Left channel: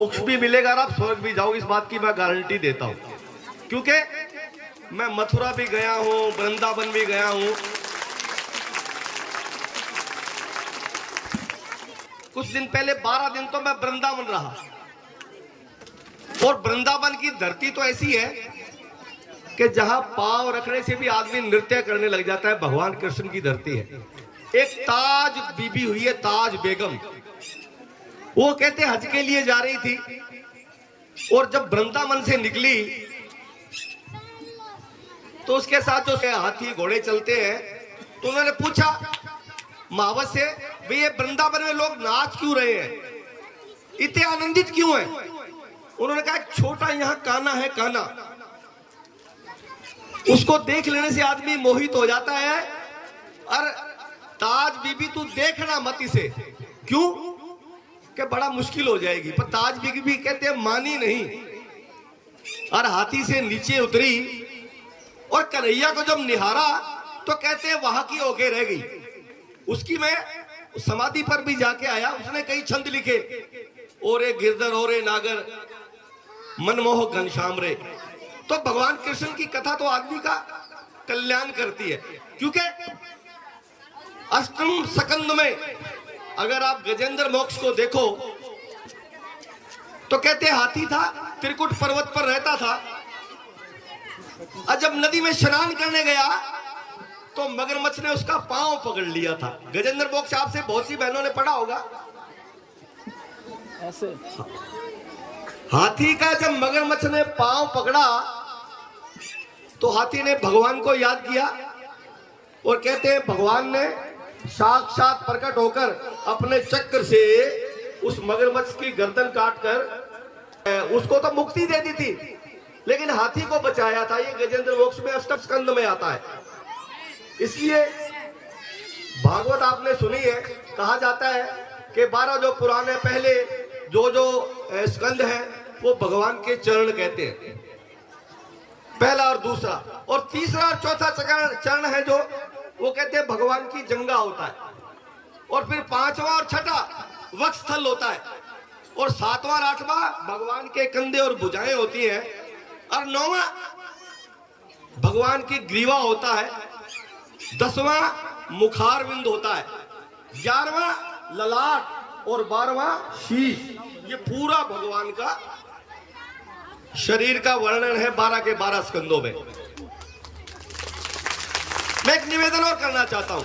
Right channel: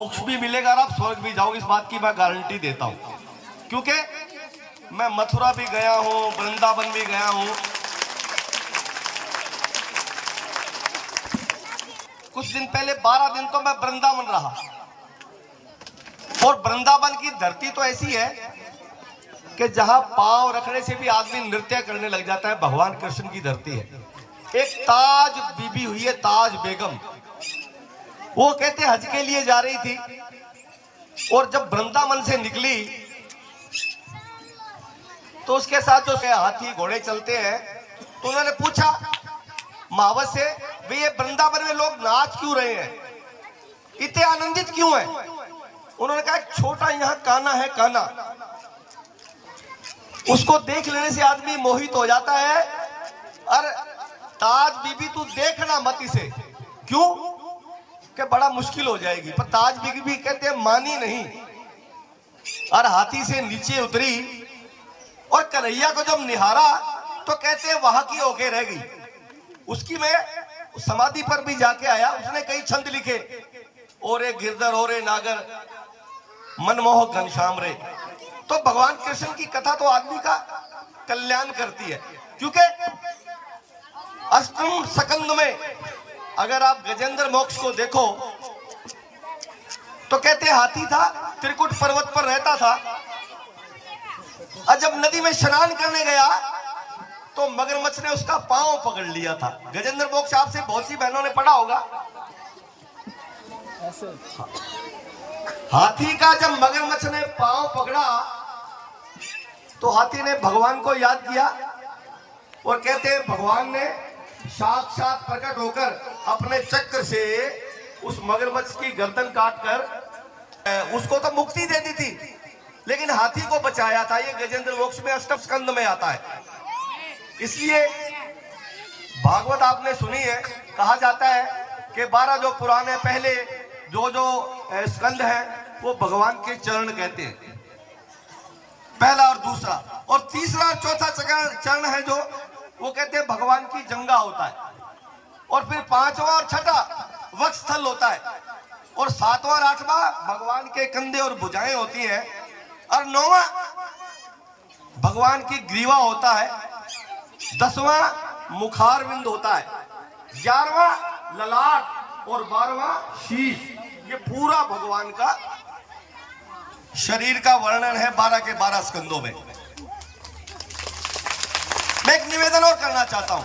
मोक्ष भी मिलेगा और आप स्वर्ग भी जाओगे, इस बात की मैं गारंटी देता हूं, क्योंकि मैं मथुरा भी गया हूं, वृंदावन भी गया हूं। कुछ दिन पहले 12 दिन तो मैं वृंदावन रहा, और वृंदावन की धरती तो ऐसी है कि जहां पांव रखने से भी आदमी नृत्य करने लग जाता है। भगवान कृष्ण की धरती है। एक ताज बीबी हुई है, ताज बेगम, वो कहते हज के लिए जा रही थी, और जब वृंदावन से निकली तो उसके साथ जो हाथी घोड़े चलते हैं, तो उन्होंने पूछा महावत से, भाई ये वृंदावन में लोग नाच क्यों रहे हैं, इतने आनंदित क्यों हैं? उन्होंने कहा छोटा यहाँ कान्हा है, कान्हा, उसको देख लेने से आदमी मोहित हो जाता है। और ताज बीबी तू देखना मत इसे, क्यों कि बड़ा मुश्किल हो जाएगी। पर ताज बीबी कहते हैं मानी नहीं, और हाथी से नीचे उतरी और कन्हैया को जब निहारा तो कहते हैं वहां की होके रह गई। उसकी मैं समाधि पर भी जाके आया, उसने कई छंद लिखे, ओरे गिरधर ओरे नागर मनमोहक घनश्याम रे। तो भगवान कृष्ण की कथा तो आदमी का कल्याण करती है, क्योंकि अष्टम स्कंद में अगर आप गजेंद्र मोक्ष को देखो तो कहते हाथी था, त्रिकुट पर्वत पर रहता था, और जब नदी में स्नान करने गया तो मगरमच्छ ने उसका पांव पकड़ लिया था। गजेंद्र मोक्ष आपसे बहुत सी बहनों ने पढ़ा होगा ऐसे। हाथी का जब मगरमच्छ ने पांव पकड़ा तो हाथी ने भगवान को याद किया, और कहते हैं भगवान ने साक्षात प्रकट होकर अपने चक्र से उस मगरमच्छ की गर्दन काटकर उसको तो मुक्ति दे दी थी, लेकिन हाथी को बचाया था। ये गजेंद्र मोक्ष में अष्टम स्कंद में आता है। इसलिए भागवत आपने सुनी है, कहा जाता है कि 12 जो पुराण है, पहले जो स्कंद है वो भगवान के चरण कहते हैं, पहला और दूसरा, और तीसरा और चौथा चरण है जो वो कहते हैं भगवान की जंगा होता है, और फिर 5वां और छठा वक्षस्थल होता है, और 7वां और 8वां भगवान के कंधे और भुजाएं होती हैं, और 9वां भगवान की ग्रीवा होता है, 10वां मुखारविंद होता है, 11वां ललाट और 12वां शीश। ये पूरा भगवान का शरीर का वर्णन है 12 के 12 स्कंदों में। मैं एक निवेदन और करना चाहता हूं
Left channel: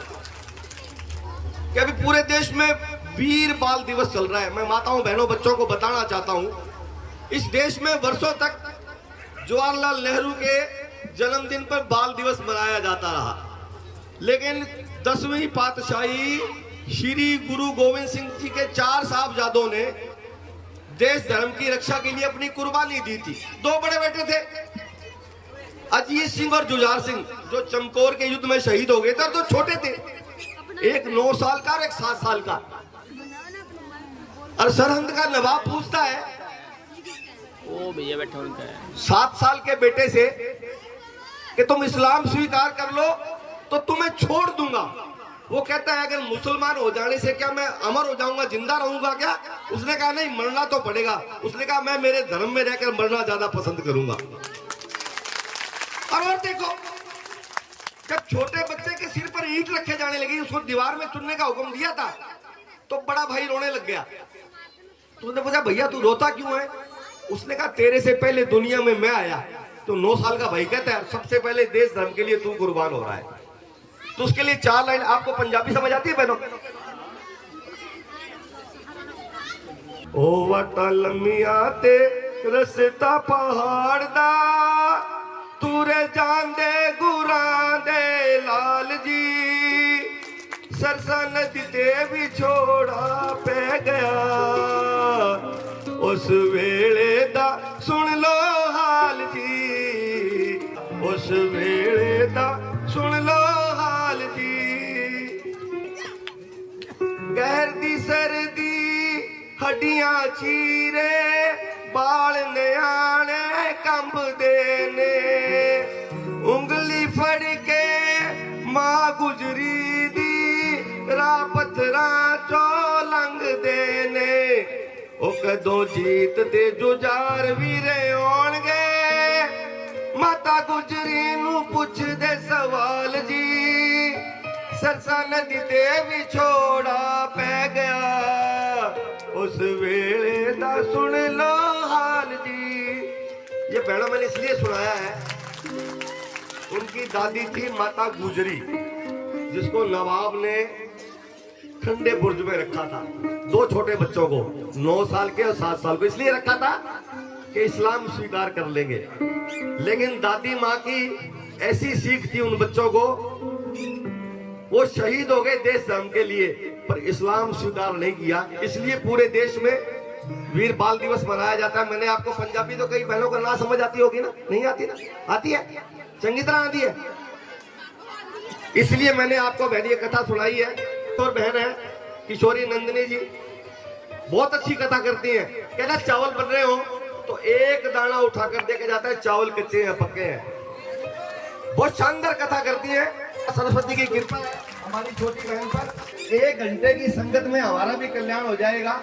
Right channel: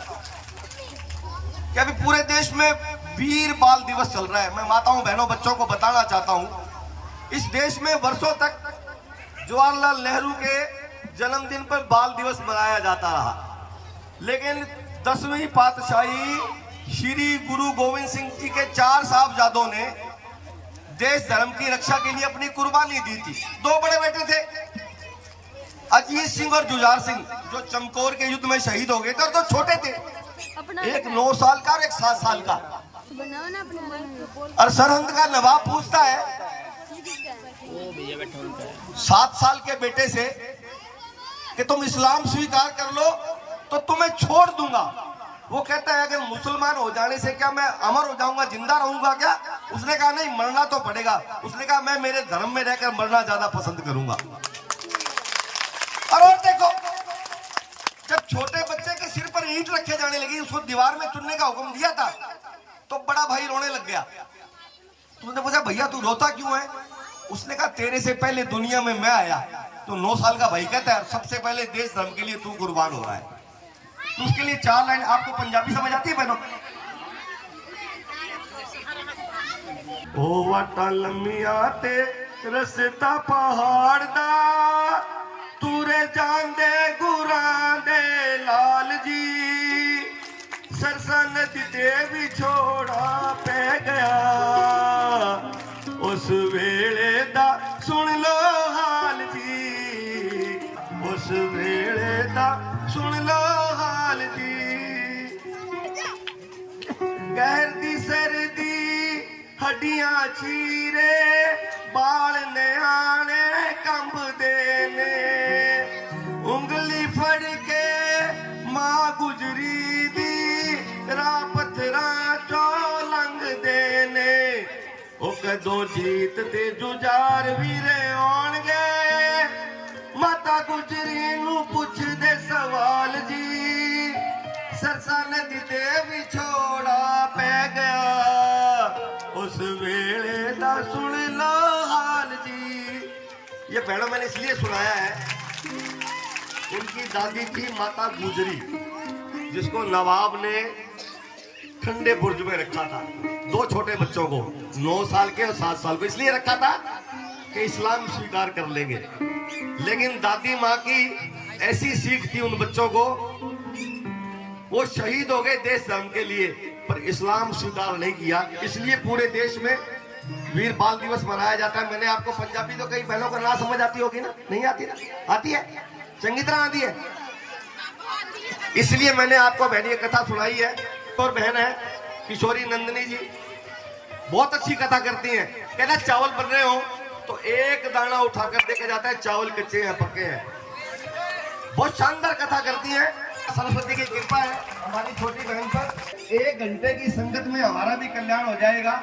कि अभी पूरे देश में वीर बाल दिवस चल रहा है। मैं माताओं बहनों बच्चों को बताना चाहता हूं, इस देश में वर्षों तक जवाहरलाल नेहरू के जन्मदिन पर बाल दिवस मनाया जाता रहा, लेकिन 10वीं पातशाही श्री गुरु गोविंद सिंह जी के 4 साहबजादों ने देश धर्म की रक्षा के लिए अपनी कुर्बानी दी थी। 2 बड़े बेटे थे, अजीत सिंह और जुझार सिंह, जो चमकौर के युद्ध में शहीद हो गए थे, और तो छोटे थे, एक 9 साल का और एक 7 साल का। और सरहंद का नवाब पूछता है ओ भैया बैठा उनका 7 साल के बेटे से कि तुम इस्लाम स्वीकार कर लो तो तुम्हें छोड़ दूंगा। वो कहता है अगर मुसलमान हो जाने से क्या मैं अमर हो जाऊंगा, जिंदा रहूंगा क्या? उसने कहा नहीं, मरना तो पड़ेगा। उसने कहा मैं मेरे धर्म में रहकर मरना ज्यादा पसंद करूंगा। और देखो, जब छोटे बच्चे के सिर पर ईंट रखे जाने लगी, उसको दीवार में चुनने का हुक्म दिया था, तो बड़ा भाई रोने लग गया। तो उसने पूछा भैया तू रोता क्यों है? उसने कहा तेरे से पहले दुनिया में मैं आया। तो 9 साल का भाई कहता है सबसे पहले देश धर्म के लिए तू कुर्बान हो रहा है। तो उसके लिए 4 लाइन, आपको पंजाबी समझ आती है बहनों? ओ वाटा लम्मिया ते रस्ता पहाड़ दा, तुरे जांदे गुरां दे लाल जी, सरसा नदी ते भी छोड़ा पै गया, उस वेले दा सुन लो हाल जी, उस वेले दा सुन लो हाल जी। गैर दी सर्दी हड्डियां चीरे, बाल न्याणे कंबदे ने, उंगली फड़ के मां गुजरी दी, राह पत्थरां चो लंघदे ने, ओ कदों जीत ते जुजार वीरे होणगे माता गुजरी नू पुछदे सवाल जी सरसा नदी ते विछोड़ा पै गया उस वेले दा सुन लो हाल जी। ये बहनों मैंने इसलिए सुनाया है, उनकी दादी थी माता गुजरी जिसको नवाब ने ठंडे बुर्ज में रखा था, दो छोटे बच्चों को 9 साल के और 7 साल को, इसलिए रखा था कि इस्लाम स्वीकार कर लेंगे। लेकिन दादी माँ की ऐसी सीख थी उन बच्चों को, वो शहीद हो गए देश धर्म के लिए पर इस्लाम स्वीकार नहीं किया। इसलिए पूरे देश में वीर बाल दिवस मनाया जाता है। मैंने आपको पंजाबी तो कई बहनों को ना समझ आती होगी ना, नहीं आती ना, आती है, चंगी तरह आती है। इसलिए मैंने आपको बहन कथा सुनाई है। और बहन है किशोरी नंदिनी जी, बहुत अच्छी कथा करती हैं। कहना चावल बन रहे हो तो एक दाना उठाकर देके जाता है चावल कच्चे हैं पक्के हैं। बहुत शानदार कथा करती है। सरस्वती की कृपा है हमारी छोटी बहन पर। 1 घंटे की संगत में हमारा भी कल्याण हो जाएगा।